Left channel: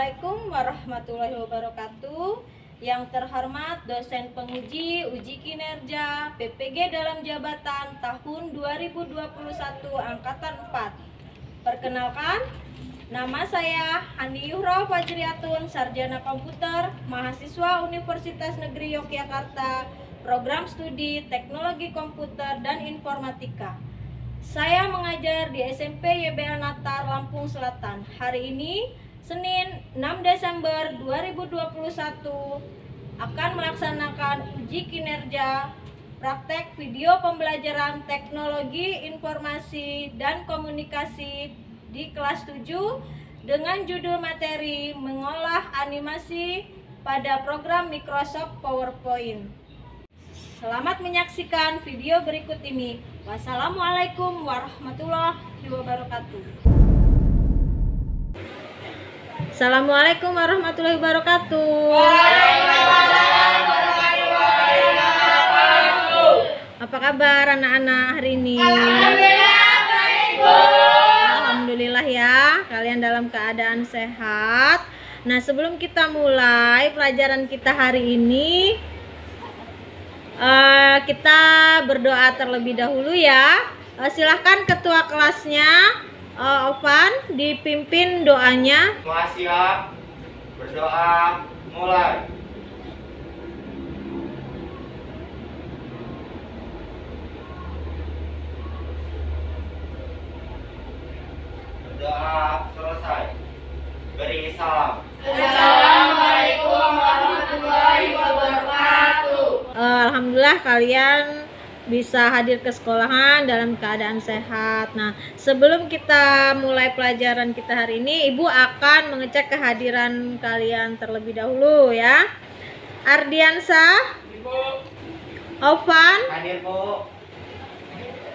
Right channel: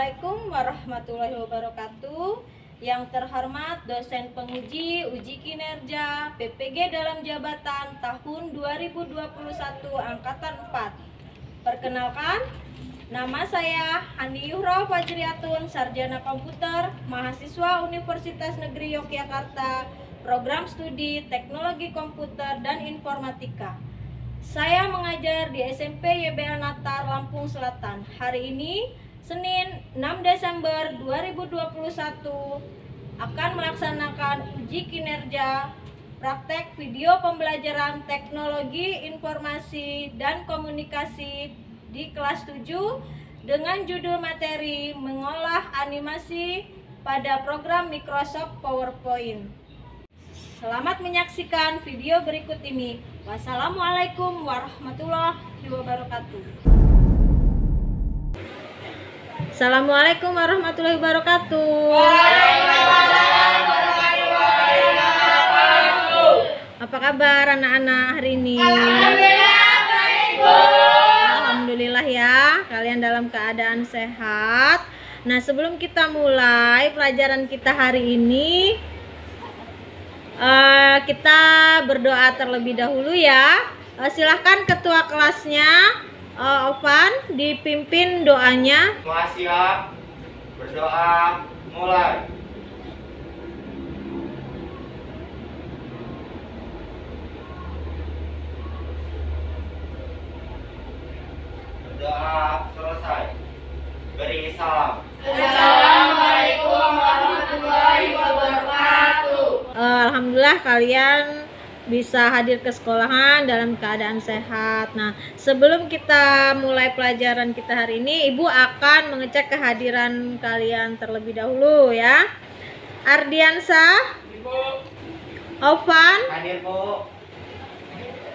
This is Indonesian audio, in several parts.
Assalamualaikum warahmatullahi wabarakatuh. Yang terhormat dosen penguji uji kinerja PPG dalam jabatan tahun 2021 angkatan 4. Perkenalkan, nama saya Handi Yuhro Fajriatun, sarjana komputer, mahasiswa Universitas Negeri Yogyakarta, program studi Teknologi Komputer dan Informatika. Saya mengajar di SMP YBL Natar, Lampung Selatan. Hari ini, Senin 6 Desember 2021, akan melaksanakan uji kinerja praktek video pembelajaran Teknologi Informasi dan Komunikasi di kelas 7 dengan judul materi mengolah animasi pada program Microsoft PowerPoint. Selamat menyaksikan video berikut ini. Wassalamualaikum warahmatullahi wabarakatuh. Assalamualaikum warahmatullahi wabarakatuh. Waalaikumsalam warahmatullahi wabarakatuh. Apa kabar anak-anak hari ini? Alhamdulillah baik, Bu. Alhamdulillah ya, kalian dalam keadaan sehat. Nah, sebelum kita mulai pelajaran kita hari ini, kita berdoa terlebih dahulu ya. Silahkan ketua kelasnya, Ovan, dipimpin doanya. Semua siap, berdoa, mulai. Berdoa selesai, beri salam. Assalamualaikum warahmatullahi wabarakatuh. Alhamdulillah kalian bisa hadir ke sekolahan dalam keadaan sehat. Nah, sebelum kita mulai pelajaran kita hari ini, Ibu akan mengecek kehadiran kalian terlebih dahulu ya. Ardiansa, Ibu, Ovan, hadir, Bu.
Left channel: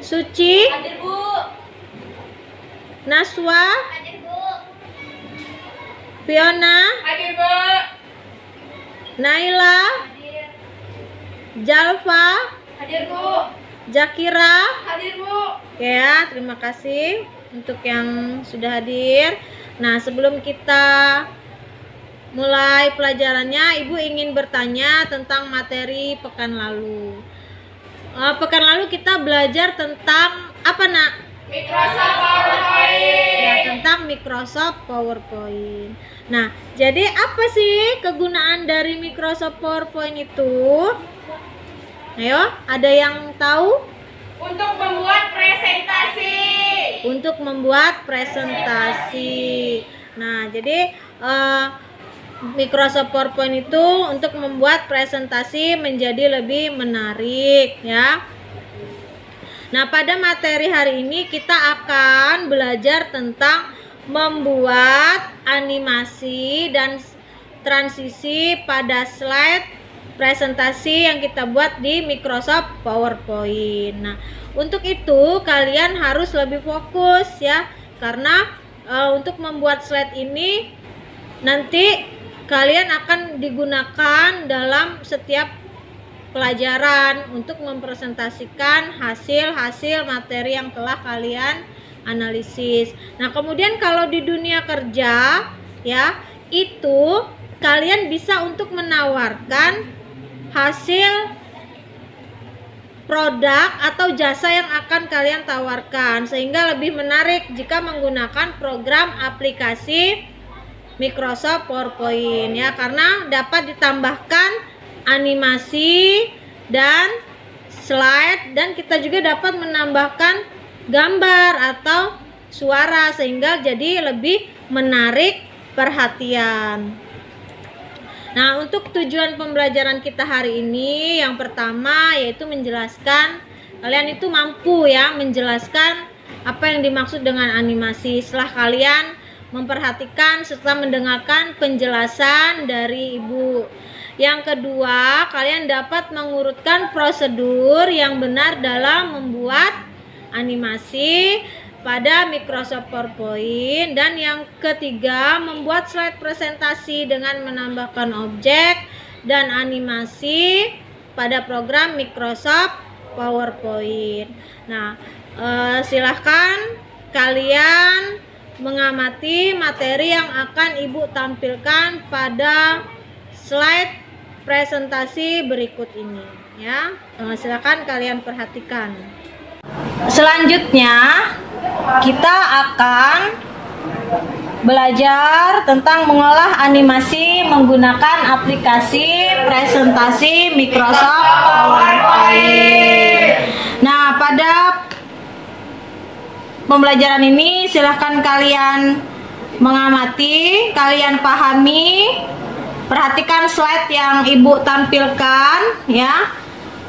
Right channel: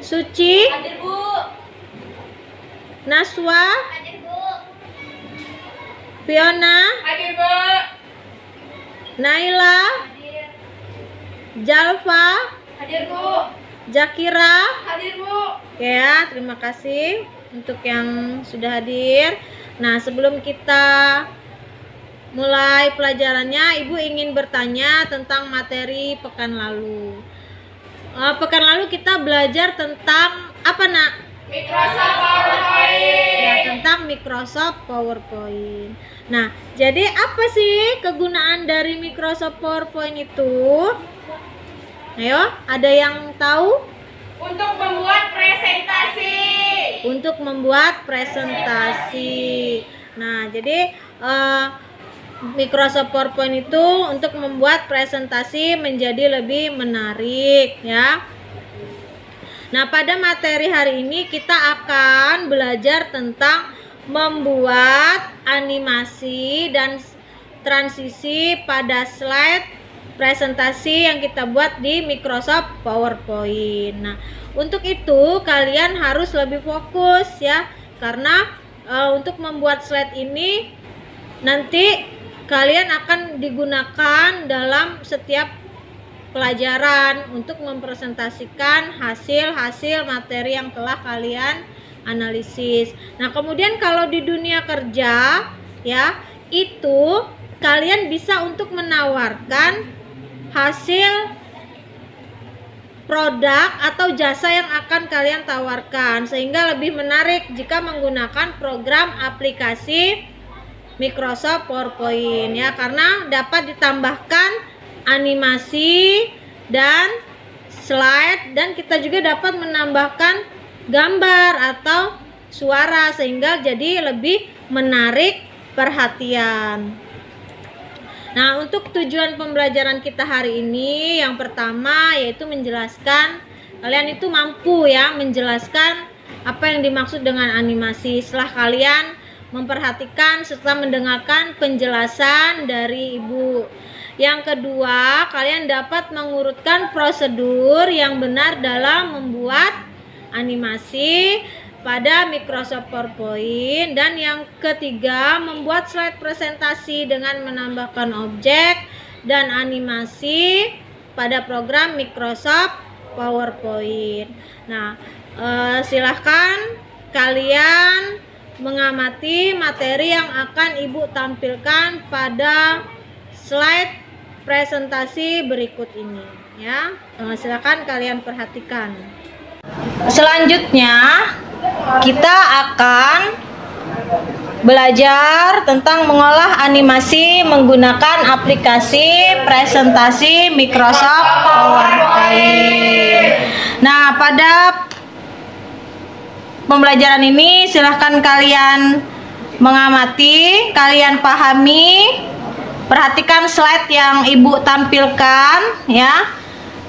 Suci, Hadir, Bu. Naswa, Hadir, Bu. Fiona, Hadir, Bu. Naila, Hadir. Jalfa, Hadir, Bu. Jakira. Hadir, Bu. Oke ya, terima kasih untuk yang sudah hadir. Nah, sebelum kita mulai pelajarannya, Ibu ingin bertanya tentang materi pekan lalu. Pekan lalu kita belajar tentang apa, Nak? Microsoft PowerPoint. Ya, tentang Microsoft PowerPoint. Nah, jadi apa sih kegunaan dari Microsoft PowerPoint itu? Ayo, ada yang tahu? Untuk membuat presentasi. Untuk membuat presentasi. Nah, jadi Microsoft PowerPoint itu untuk membuat presentasi menjadi lebih menarik ya. Nah, pada materi hari ini kita akan belajar tentang membuat animasi dan transisi pada slide presentasi yang kita buat di Microsoft PowerPoint. Nah, untuk itu kalian harus lebih fokus ya, karena untuk membuat slide ini nanti kalian akan digunakan dalam setiap pelajaran untuk mempresentasikan hasil-hasil materi yang telah kalian analisis. Nah, kemudian kalau di dunia kerja ya, itu kalian bisa untuk menawarkan hasil produk atau jasa yang akan kalian tawarkan, sehingga lebih menarik jika menggunakan program aplikasi Microsoft PowerPoint ya, karena dapat ditambahkan animasi dan slide, dan kita juga dapat menambahkan gambar atau suara sehingga jadi lebih menarik perhatian. Nah, untuk tujuan pembelajaran kita hari ini, yang pertama yaitu menjelaskan, kalian itu mampu ya menjelaskan apa yang dimaksud dengan animasi setelah kalian memperhatikan serta mendengarkan penjelasan dari Ibu. Yang kedua, kalian dapat mengurutkan prosedur yang benar dalam membuat animasi pada Microsoft PowerPoint. Dan yang ketiga, membuat slide presentasi dengan menambahkan objek dan animasi pada program Microsoft PowerPoint. Nah, silahkan kalian mengamati materi yang akan Ibu tampilkan pada slide presentasi berikut ini ya. Silakan kalian perhatikan. Selanjutnya kita akan belajar tentang mengolah animasi menggunakan aplikasi presentasi Microsoft PowerPoint. Nah, pada pembelajaran ini silahkan kalian mengamati, kalian pahami, perhatikan slide yang Ibu tampilkan ya.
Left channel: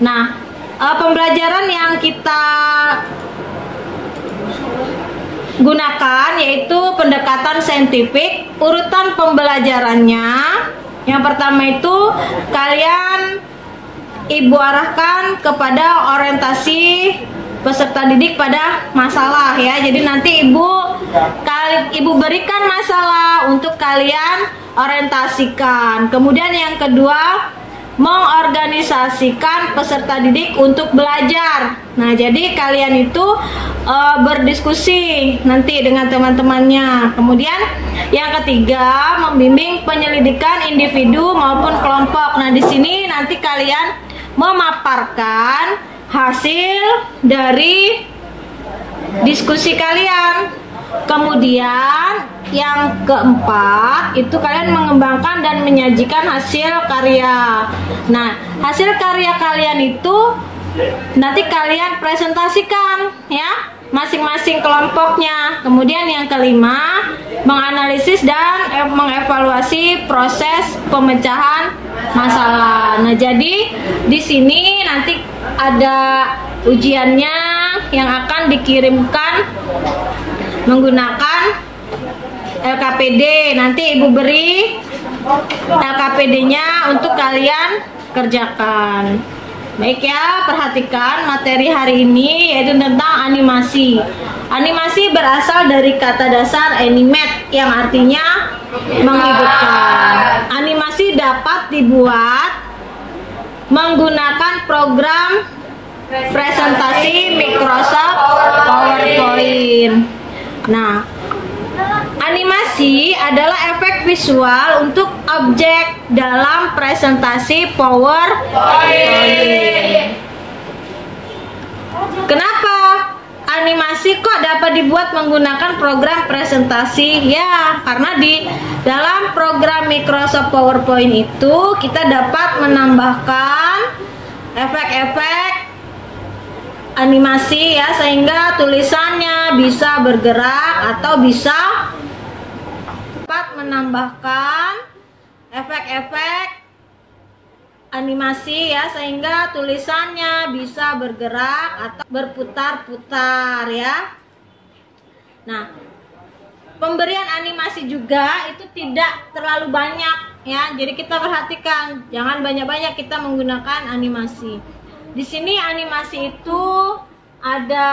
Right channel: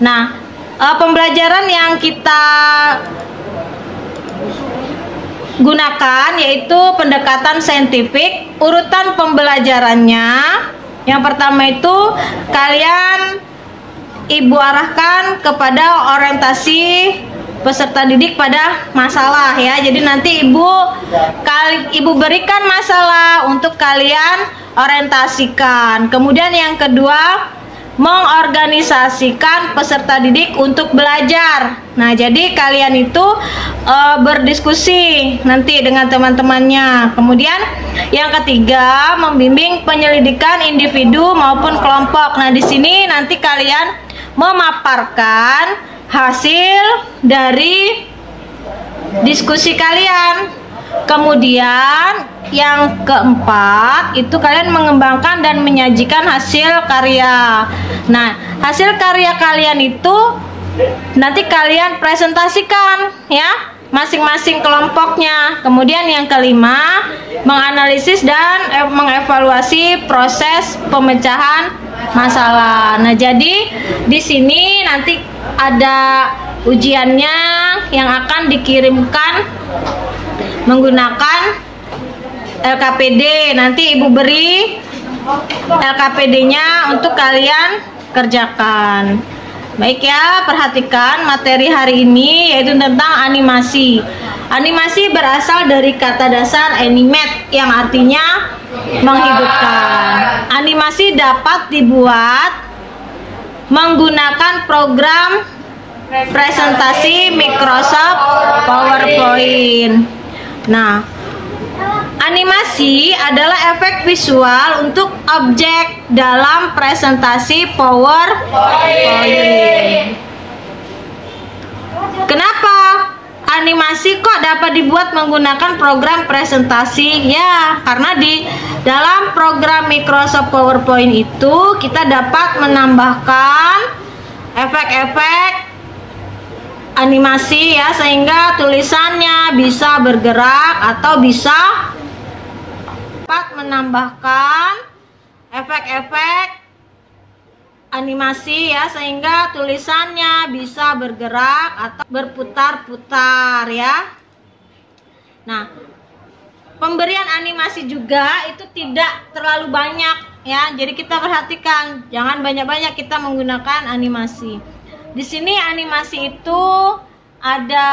Nah, pembelajaran yang kita gunakan yaitu pendekatan saintifik. Urutan pembelajarannya, yang pertama itu kalian Ibu arahkan kepada orientasi peserta didik pada masalah ya. Jadi nanti Ibu berikan masalah untuk kalian orientasikan. Kemudian yang kedua, mengorganisasikan peserta didik untuk belajar. Nah, jadi kalian itu berdiskusi nanti dengan teman-temannya. Kemudian yang ketiga, membimbing penyelidikan individu maupun kelompok. Nah, di sini nanti kalian memaparkan hasil dari diskusi kalian. Kemudian yang keempat itu kalian mengembangkan dan menyajikan hasil karya. Nah, hasil karya kalian itu nanti kalian presentasikan ya, masing-masing kelompoknya. Kemudian yang kelima, menganalisis dan mengevaluasi proses pemecahan masalah. Nah, jadi di sini nanti ada ujiannya yang akan dikirimkan menggunakan LKPD. Nanti Ibu beri LKPD-nya untuk kalian kerjakan. Baik ya, perhatikan materi hari ini yaitu tentang animasi. Animasi berasal dari kata dasar animate yang artinya menghidupkan. Animasi dapat dibuat menggunakan program presentasi Microsoft PowerPoint. Nah, animasi adalah efek visual untuk objek dalam presentasi PowerPoint. Kenapa animasi kok dapat dibuat menggunakan program presentasi? Ya, karena di dalam program Microsoft PowerPoint itu kita dapat menambahkan efek-efek animasi ya, sehingga tulisannya bisa bergerak atau bisa dapat menambahkan efek-efek animasi ya, sehingga tulisannya bisa bergerak atau berputar-putar ya. Nah, pemberian animasi juga itu tidak terlalu banyak ya, jadi kita perhatikan jangan banyak-banyak kita menggunakan animasi. Di sini animasi itu ada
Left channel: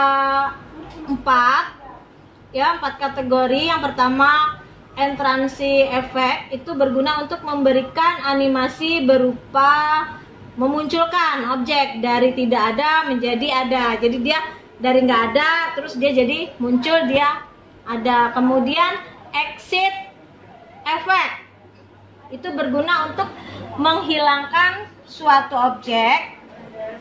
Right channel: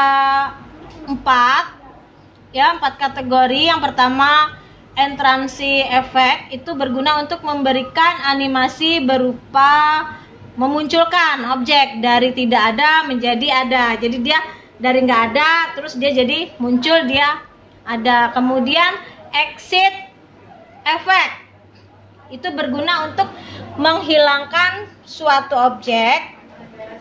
4 kategori. Yang pertama, entransi efek, itu berguna untuk memberikan animasi berupa memunculkan objek dari tidak ada menjadi ada. Jadi dia dari nggak ada terus dia jadi muncul, dia ada. Kemudian exit efek itu berguna untuk menghilangkan suatu objek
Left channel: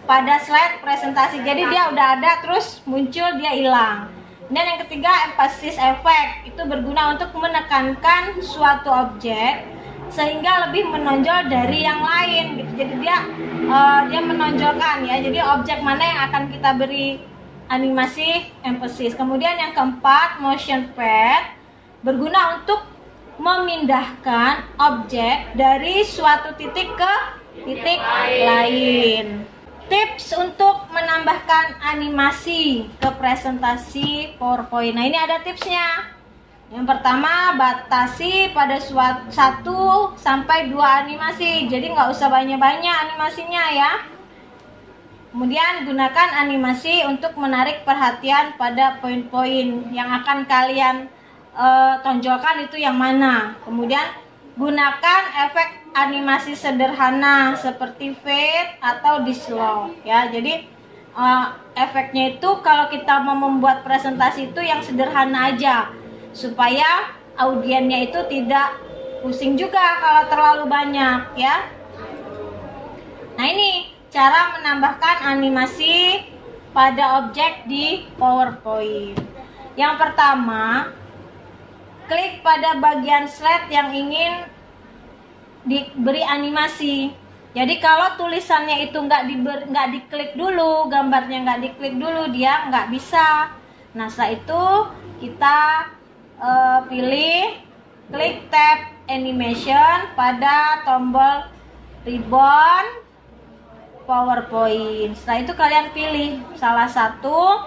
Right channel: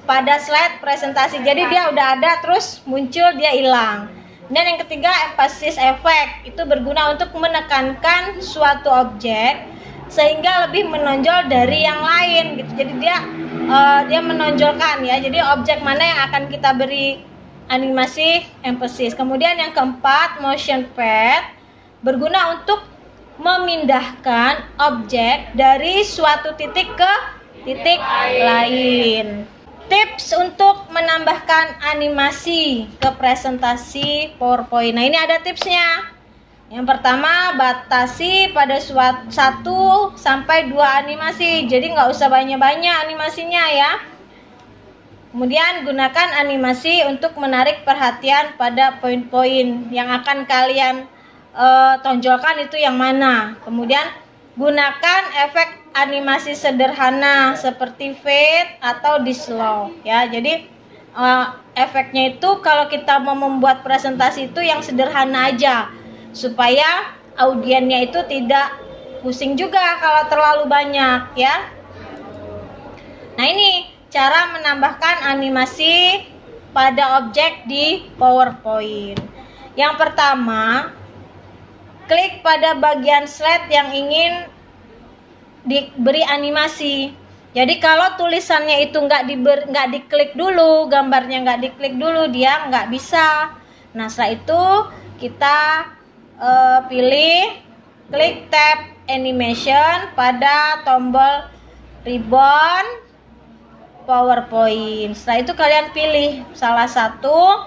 pada slide presentasi. Jadi dia udah ada terus muncul dia hilang. Dan yang ketiga, emphasis effect itu berguna untuk menekankan suatu objek sehingga lebih menonjol dari yang lain gitu. Jadi dia menonjolkan ya. Jadi objek mana yang akan kita beri animasi, emphasis. Kemudian yang keempat, motion path berguna untuk memindahkan objek dari suatu titik ke titik lain. Tips untuk menambahkan animasi ke presentasi PowerPoint. Nah, ini ada tipsnya. Yang pertama, batasi pada 1 sampai 2 animasi. Jadi nggak usah banyak-banyak animasinya ya. Kemudian gunakan animasi untuk menarik perhatian pada poin-poin yang akan kalian tonjolkan itu yang mana. Kemudian gunakan efek animasi sederhana seperti fade atau di slow ya. Jadi efeknya itu kalau kita mau membuat presentasi itu yang sederhana aja. supaya audiennya itu tidak pusing juga kalau terlalu banyak ya. Nah, ini cara menambahkan animasi pada objek di PowerPoint. Yang pertama, klik pada bagian slide yang ingin diberi animasi. Jadi kalau tulisannya itu nggak diklik dulu, gambarnya nggak diklik dulu, dia nggak bisa. Nah, setelah itu kita pilih klik tab animation pada tombol ribbon PowerPoint. Setelah itu kalian pilih salah satu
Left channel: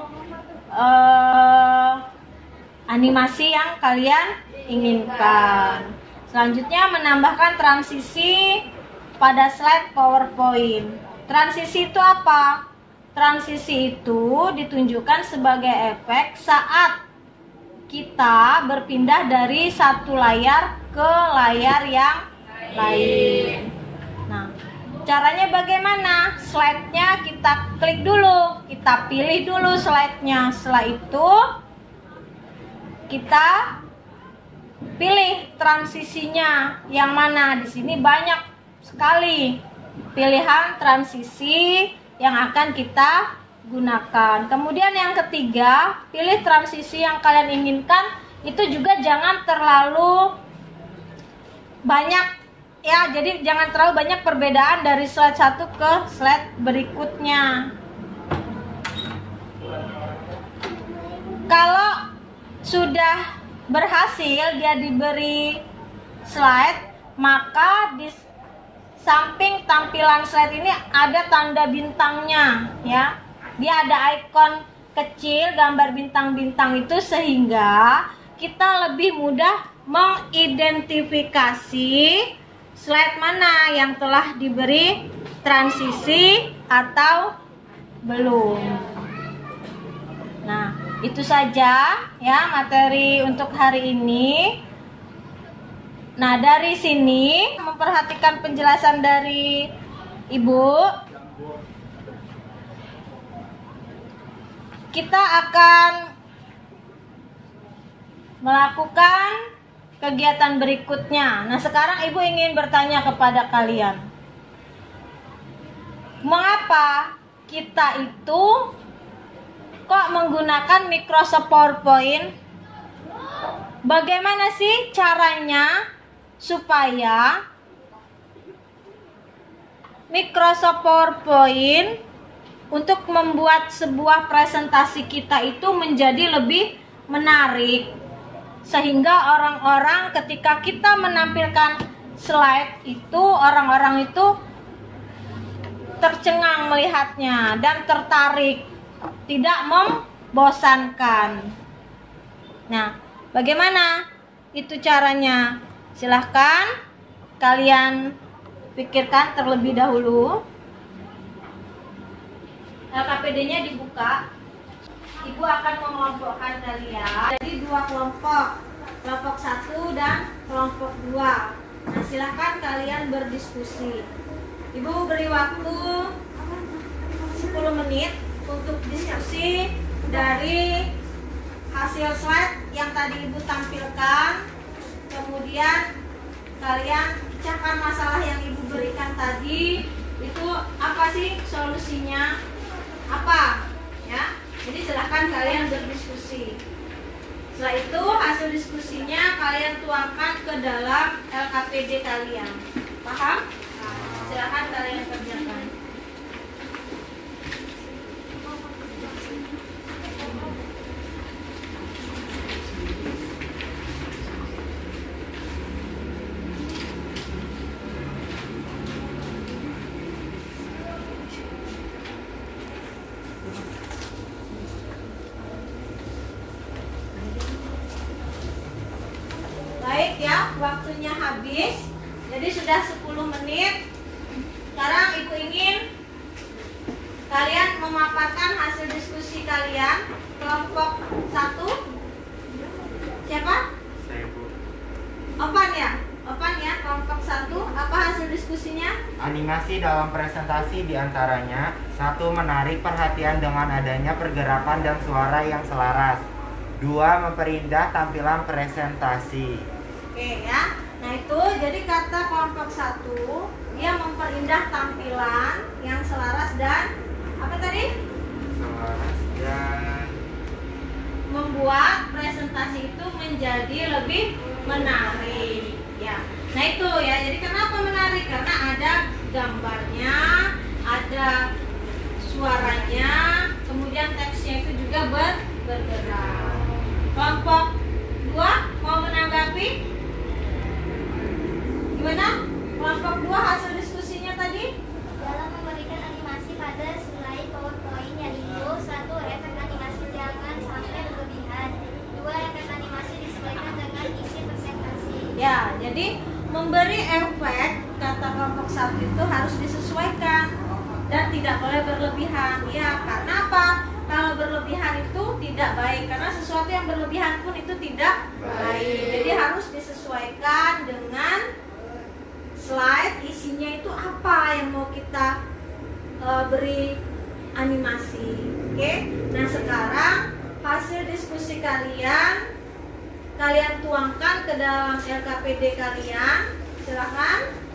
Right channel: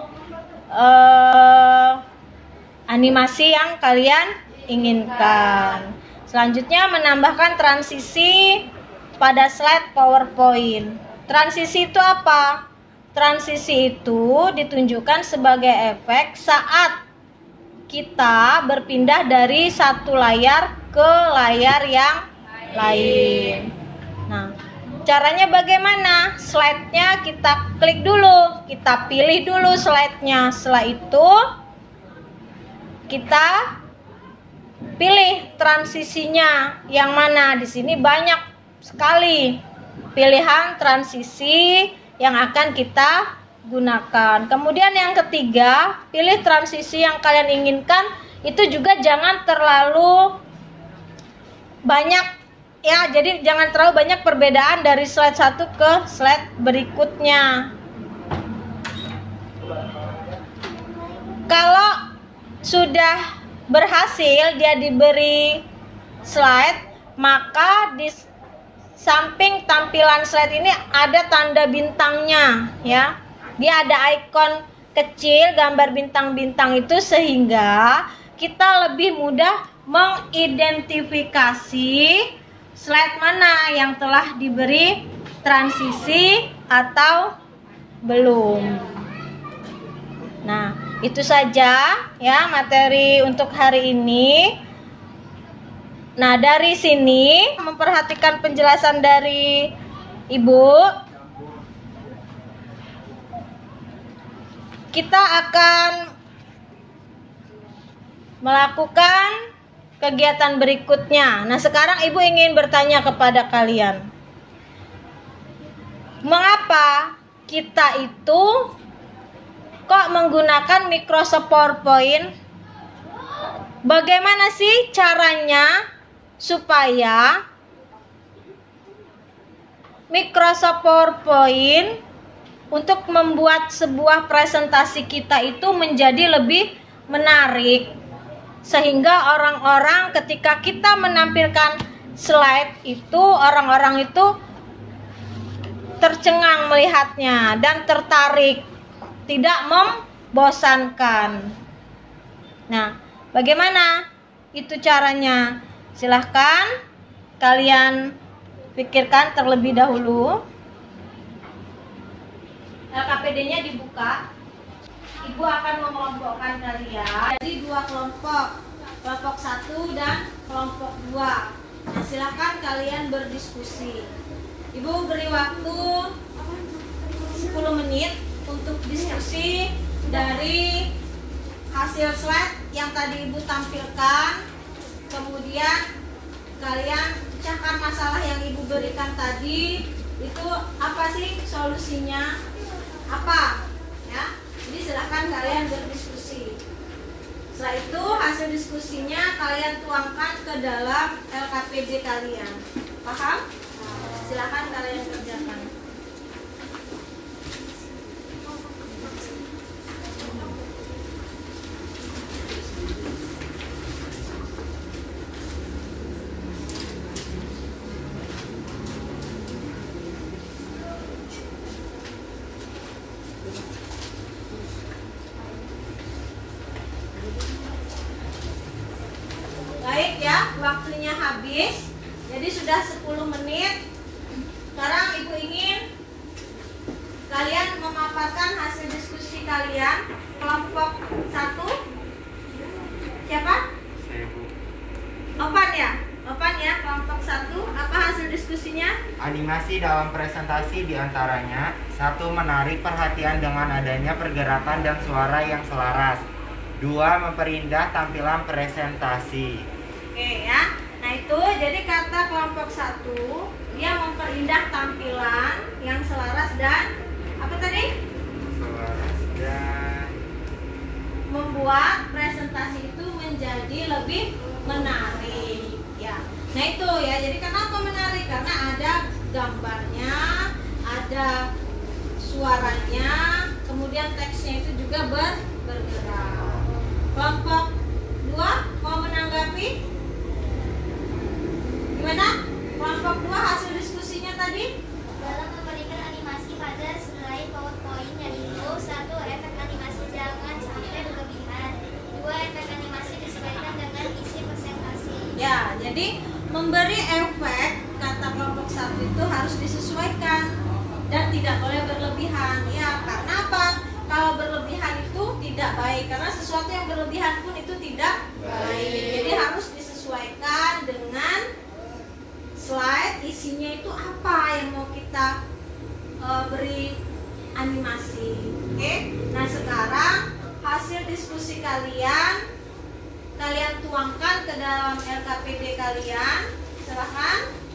animasi yang kalian inginkan. Selanjutnya menambahkan transisi pada slide PowerPoint. Transisi itu apa? Transisi itu ditunjukkan sebagai efek saat kita berpindah dari satu layar ke layar yang lain. Nah, caranya bagaimana? Slide-nya kita klik dulu, kita pilih dulu slide-nya. Setelah itu kita pilih transisinya yang mana. Di sini banyak sekali pilihan transisi yang akan kita gunakan. Kemudian yang ketiga, pilih transisi yang kalian inginkan. Itu juga jangan terlalu banyak ya, jadi jangan terlalu banyak perbedaan dari slide 1 ke slide berikutnya. Kalau sudah berhasil dia diberi slide, maka di samping tampilan slide ini ada tanda bintangnya ya. Dia ada ikon kecil gambar bintang-bintang itu, sehingga kita lebih mudah mengidentifikasi slide mana yang telah diberi transisi atau belum. Nah, itu saja ya materi untuk hari ini. Nah, dari sini memperhatikan penjelasan dari Ibu, kita akan melakukan kegiatan berikutnya. Nah, sekarang Ibu ingin bertanya kepada kalian, mengapa kita itu kok menggunakan Microsoft PowerPoint? Bagaimana sih caranya supaya Microsoft PowerPoint untuk membuat sebuah presentasi kita itu menjadi lebih menarik, sehingga orang-orang ketika kita menampilkan slide itu, orang-orang itu tercengang melihatnya dan tertarik, tidak membosankan. Nah, bagaimana itu caranya? Silahkan kalian pikirkan terlebih dahulu. LKPD-nya dibuka. Ibu akan mengelompokkan kalian jadi 2 kelompok, kelompok 1 dan kelompok 2. Nah, silahkan kalian berdiskusi. Ibu beri waktu 10 menit untuk diskusi dari hasil slide yang tadi Ibu tampilkan. Kemudian kalian pecahkan masalah yang Ibu berikan tadi. Itu apa sih solusinya? Apa? Ya. Jadi silahkan kalian berdiskusi. Setelah itu hasil diskusinya kalian tuangkan ke dalam LKPD kalian. Paham? Silahkan kalian kerjakan. Baik ya, waktunya habis. Jadi sudah 10 menit. Sekarang Ibu ingin kalian memaparkan hasil diskusi kalian. Kelompok 1 siapa? Saya, Bu. Opan ya? Opan ya, kelompok 1. Apa hasil diskusinya? Animasi dalam presentasi diantaranya: 1. Menarik perhatian dengan adanya pergerakan dan suara yang selaras. 2. Memperindah tampilan presentasi. Oke ya. Nah itu jadi kata kelompok 1, dia memperindah tampilan yang selaras dan apa tadi? Selaras dan Membuat presentasi itu menjadi lebih menarik ya. Nah itu ya, jadi kenapa menarik? Karena ada gambarnya, ada suaranya, kemudian teksnya itu juga bergerak. Kelompok 2 mau menanggapi? Gimana? Kelompok 2 hasil diskusinya tadi? Dalam memberikan animasi pada slide PowerPoint, yaitu 1. Efek animasi jangan sampai berlebihan. 2. Efek animasi disesuaikan dengan isi presentasi. Ya, jadi memberi efek kata kelompok 1 itu harus disesuaikan dan tidak boleh berlebihan. Ya, karena apa? Kalau berlebihan itu tidak baik, karena sesuatu yang berlebihan pun itu tidak baik. Jadi harus disesuaikan dengan slide, isinya itu apa yang mau kita beri animasi. Oke. Nah, sekarang hasil diskusi kalian tuangkan ke dalam LKPD kalian. Silakan.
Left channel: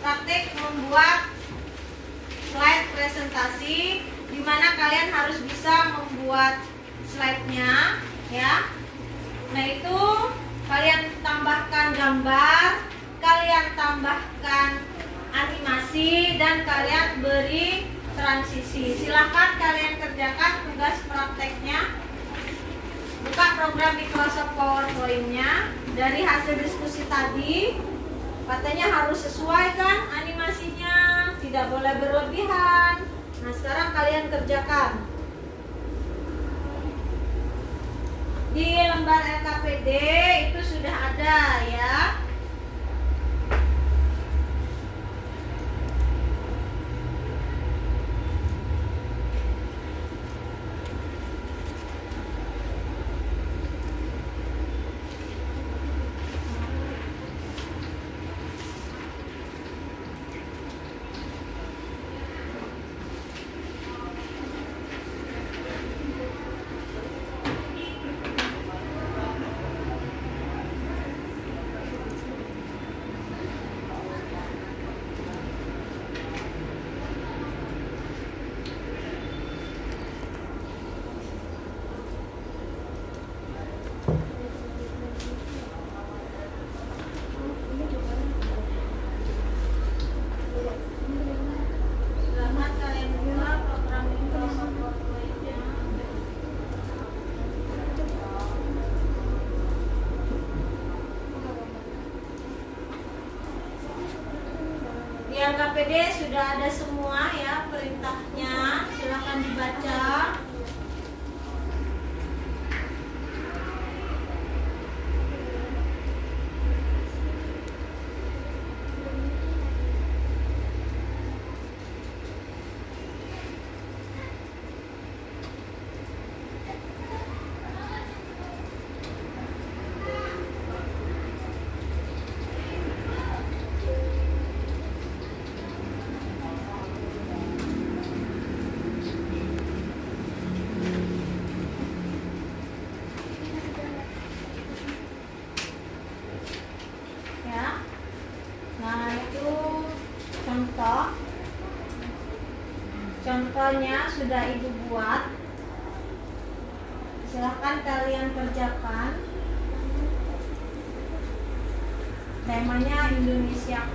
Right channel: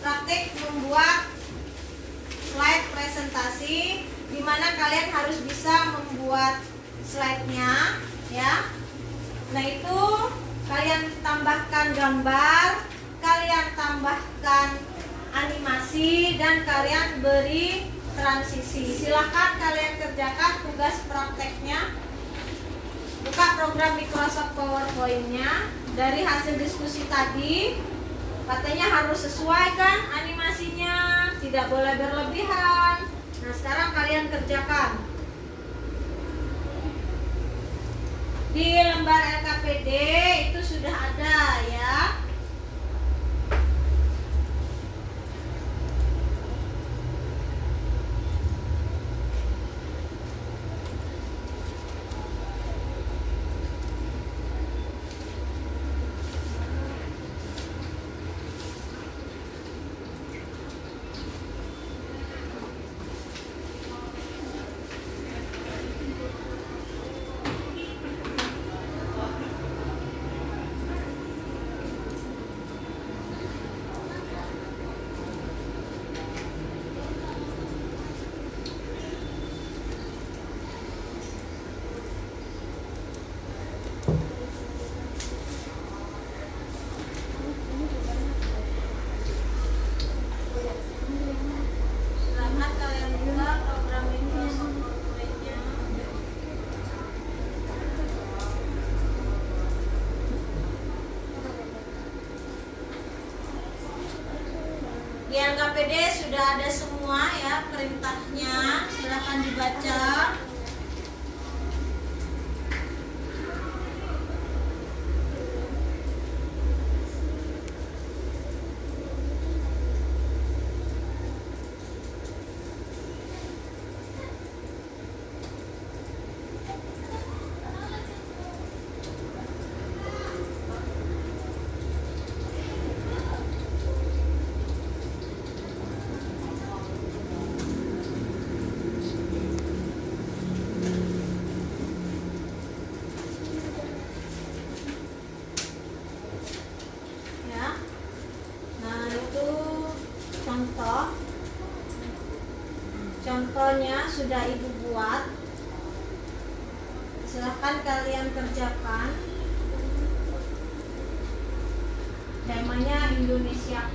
praktik membuat slide presentasi, di mana kalian harus bisa membuat slide-nya, ya. Nah, itu kalian tambahkan gambar, kalian tambahkan animasi, dan kalian beri transisi. Silahkan kalian kerjakan tugas prakteknya. Buka program Microsoft PowerPoint-nya. Dari hasil diskusi tadi, katanya harus sesuai kan animasinya, tidak boleh berlebihan. Nah, sekarang kalian kerjakan. Di lembar LKPD itu sudah ada, ya. LKPD sudah ada semua ya perintahnya, silakan dibaca. Contohnya sudah Ibu buat. Silahkan kalian kerjakan. Temanya Indonesia.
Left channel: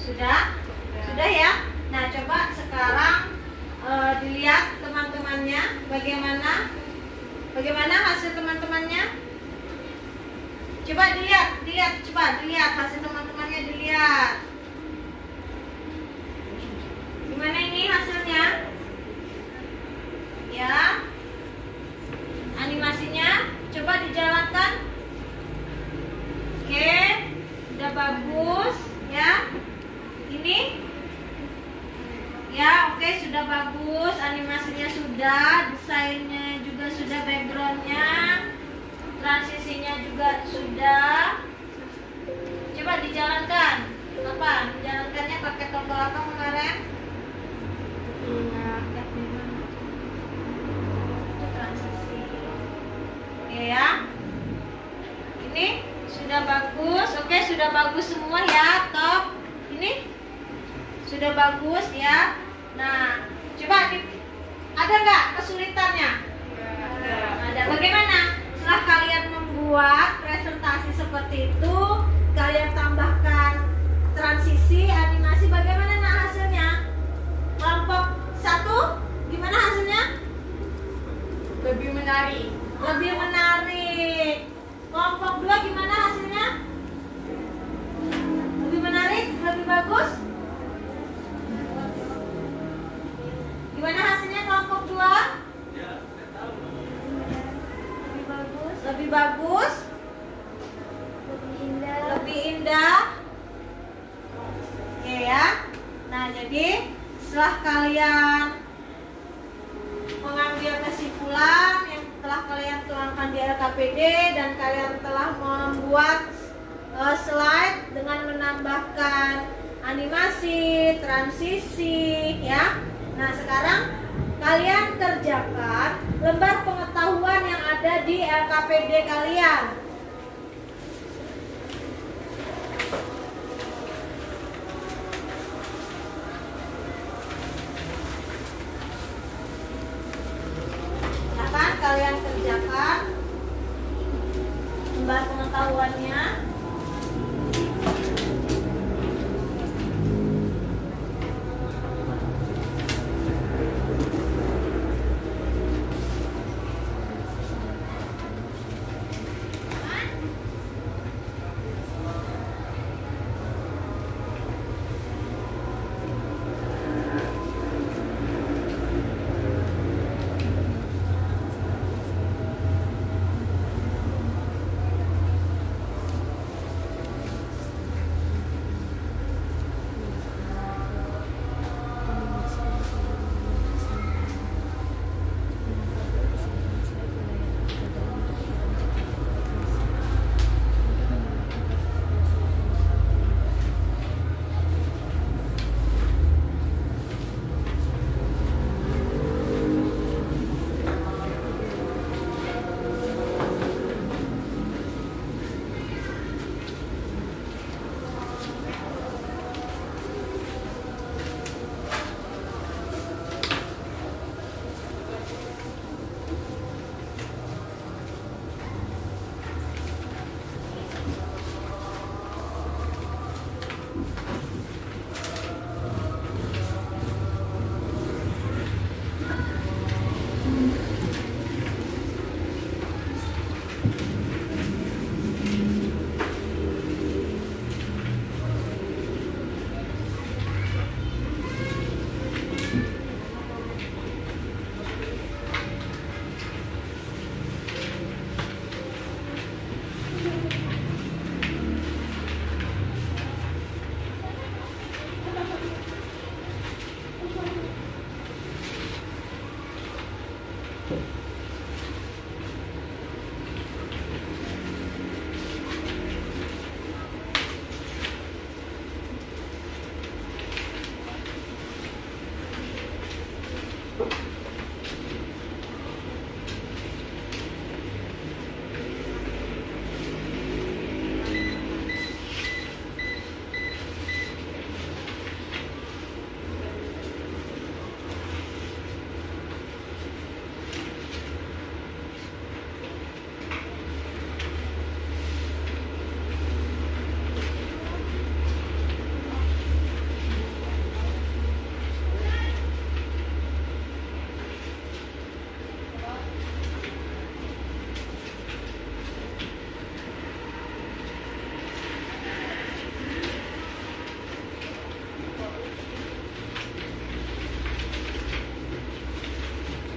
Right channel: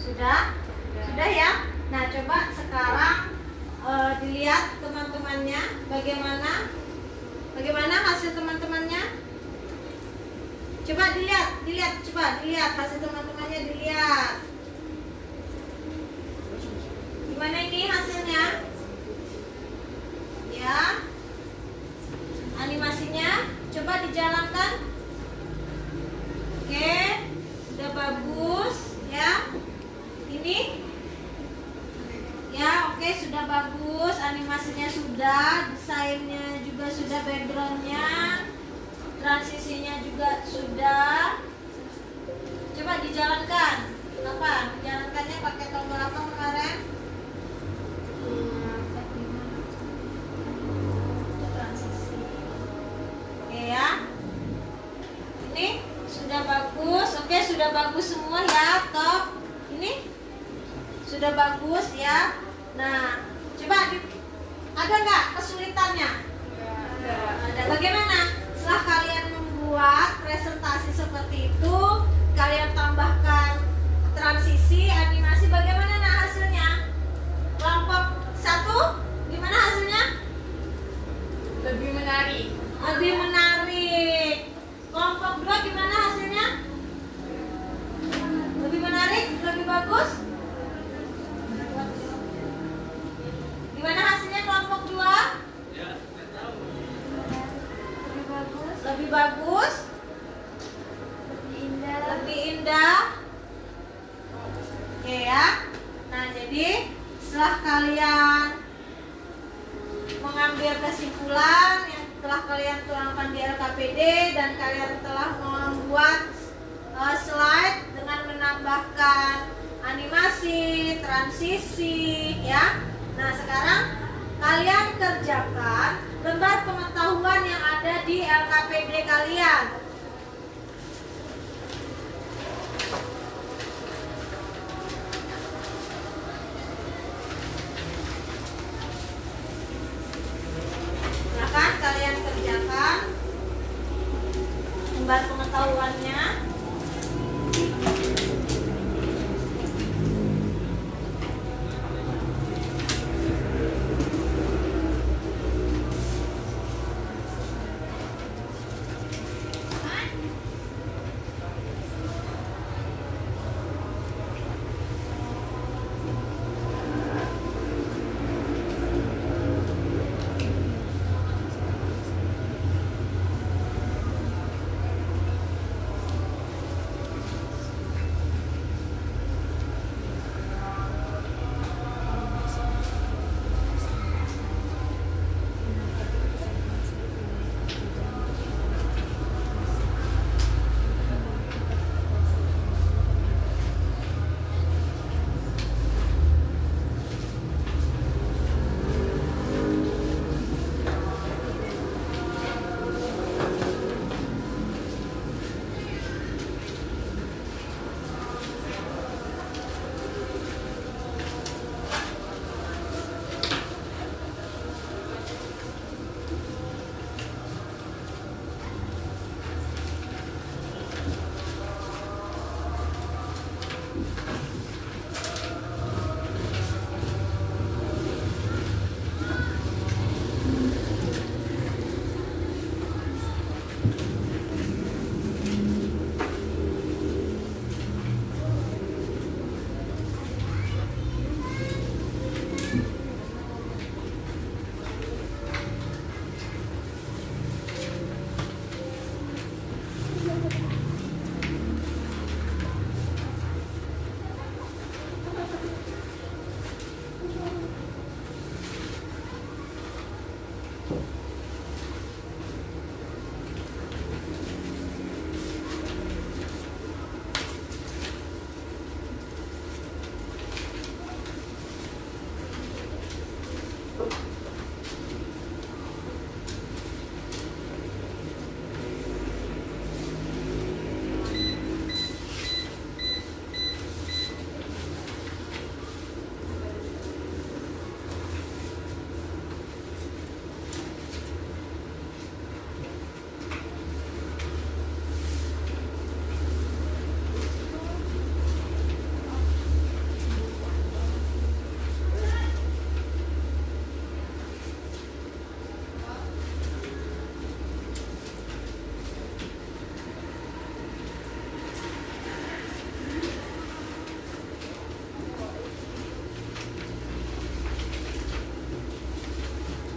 Sudah ya. Nah, coba sekarang dilihat teman-temannya bagaimana hasil teman-temannya. Coba dilihat hasil teman-temannya, dilihat. Gimana ini hasilnya? Ya. Animasinya coba dijalankan. Oke, udah bagus ya. Ini ya, oke, sudah bagus, animasinya sudah, desainnya juga sudah, backgroundnya, transisinya juga sudah. Coba dijalankan. Kapan? Dijalankannya pakai tombol apa kemarin? Itu transisi. Oke ya. Ini sudah bagus. Oke, sudah bagus semua ya. Top. Ini sudah bagus ya. Nah, coba ada nggak kesulitannya? Ada. Bagaimana? Setelah kalian membuat presentasi seperti itu, kalian tambahkan transisi, animasi, bagaimana hasilnya? Kelompok 1, gimana hasilnya? Lebih menarik. Lebih menarik. Kelompok 2 gimana hasilnya? Lebih menarik, lebih bagus. Gimana hasilnya kelompok 2? Lebih bagus. Lebih indah. Oke ya. Nah, jadi setelah kalian mengambil kesimpulan yang telah kalian tuangkan di LKPD dan kalian telah membuat slide dengan menambahkan animasi, transisi ya. Nah, sekarang kalian kerjakan lembar pengetahuan yang ada di LKPD kalian. Silakan kalian kerjakan lembar pengetahuannya.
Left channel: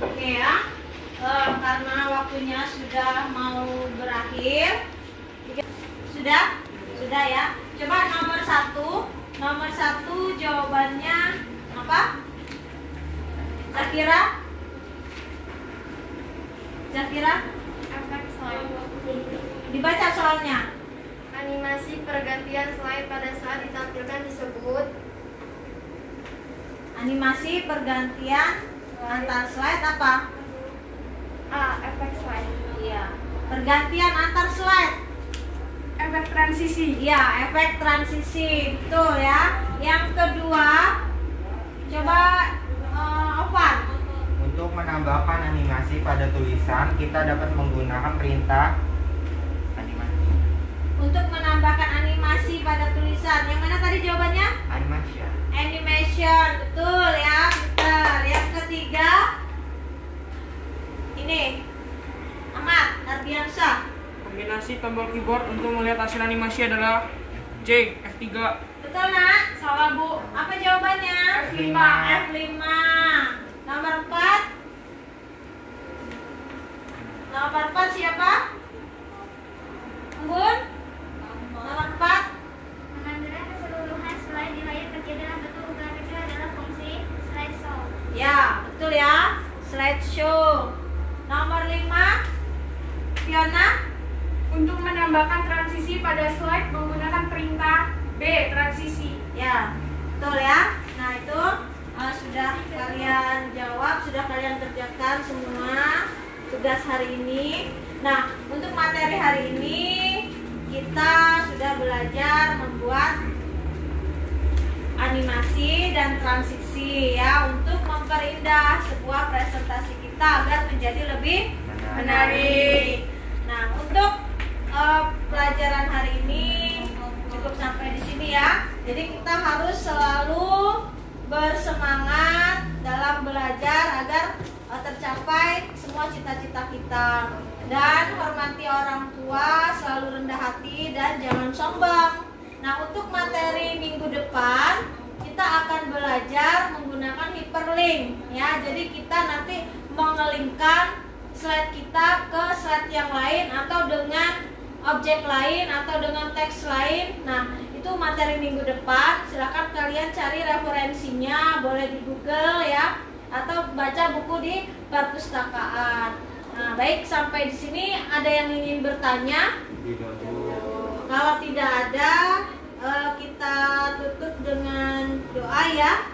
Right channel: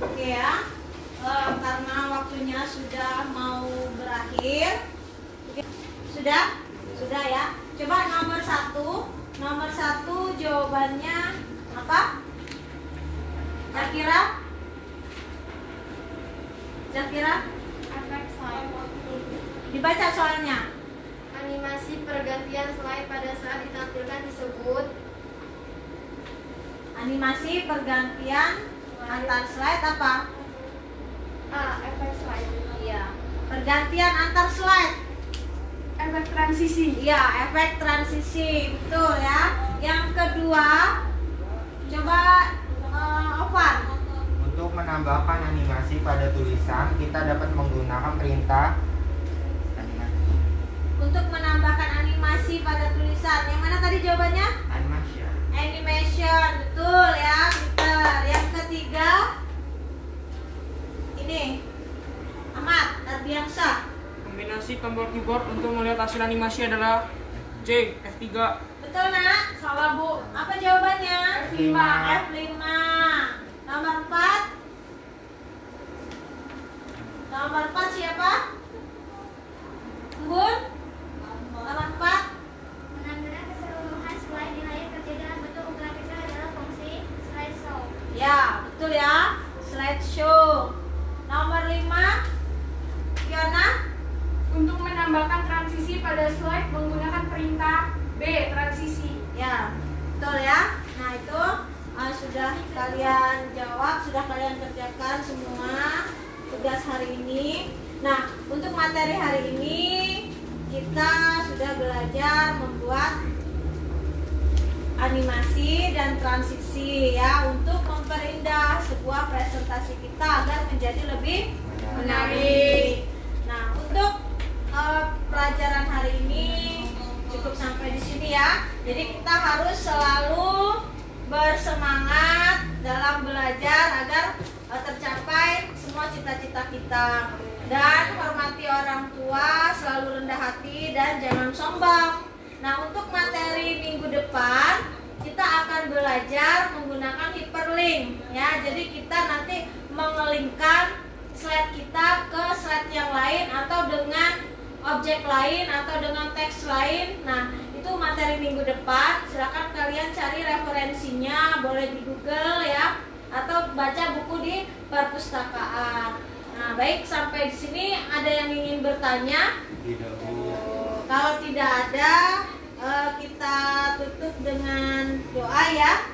Oke ya, karena waktunya sudah mau berakhir. Sudah ya. Coba nomor satu jawabannya apa? Zakira? Efek slide. Dibaca soalnya. Animasi pergantian slide pada saat ditampilkan disebut. Animasi pergantian antar slide apa? Efek slide. Iya. Pergantian antar slide. Efek transisi. Iya, efek transisi. Betul ya. Yang kedua, coba Ovan. Untuk menambahkan animasi pada tulisan, kita dapat menggunakan perintah animasi. Untuk menambahkan animasi pada tulisan. Yang mana tadi jawabannya? Animation. Animation. Betul ya. Betul. Yang ketiga, ini Ahmad Ardiansyah. Kombinasi tombol keyboard untuk melihat hasil animasi adalah J, F3. Betul nak? Salah, Bu. Apa jawabannya? F5. F5. Nomor 4. Nomor 4 siapa? Embun? Nomor 4. Mengambilkan keseluruhan slide di layar kerja dalam bentuk unggahan kecil adalah fungsi slideshow. Ya, betul ya. Slideshow. Nomor 5. Fiona? Untuk menambahkan transisi pada slide menggunakan perintah B, transisi. Ya, betul ya. Nah itu sudah kalian jawab, sudah kalian kerjakan semua tugas hari ini. Nah, untuk materi hari ini kita sudah belajar membuat animasi dan transisi ya untuk memperindah sebuah presentasi kita agar menjadi lebih menarik. Nah, untuk pelajaran hari ini cukup sampai di sini ya. Jadi kita harus selalu bersemangat dalam belajar agar tercapai semua cita-cita kita. Dan hormati orang tua, selalu rendah hati dan jangan sombong. Nah, untuk materi minggu depan kita akan belajar menggunakan hyperlink ya. Jadi kita nanti mengelingkan slide kita ke slide yang lain atau dengan objek lain atau dengan teks lain. Nah, itu materi minggu depan. Silakan kalian cari referensinya, boleh di Google ya, atau baca buku di perpustakaan. Nah, baik, sampai di sini ada yang ingin bertanya? Tidak, Bu. Kalau tidak ada, kita tutup dengan doa ya.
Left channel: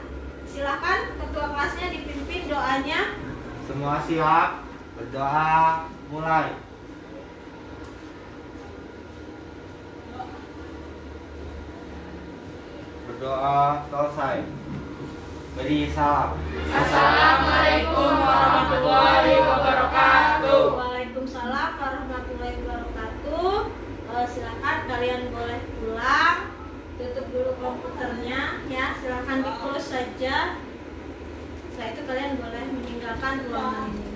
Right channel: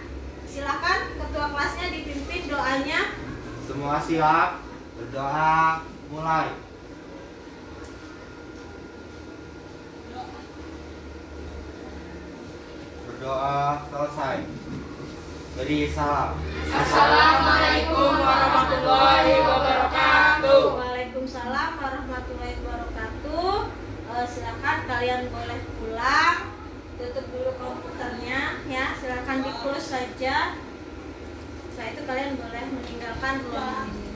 Silakan ketua kelasnya dipimpin doanya. Semua siap, berdoa, mulai. Berdoa selesai. Beri salam. Assalamualaikum warahmatullahi wabarakatuh. Waalaikumsalam warahmatullahi wabarakatuh. Silakan kalian boleh pulang. Tutup dulu komputernya ya. Silakan di close saja. Setelah itu kalian boleh meninggalkan ruangan ini.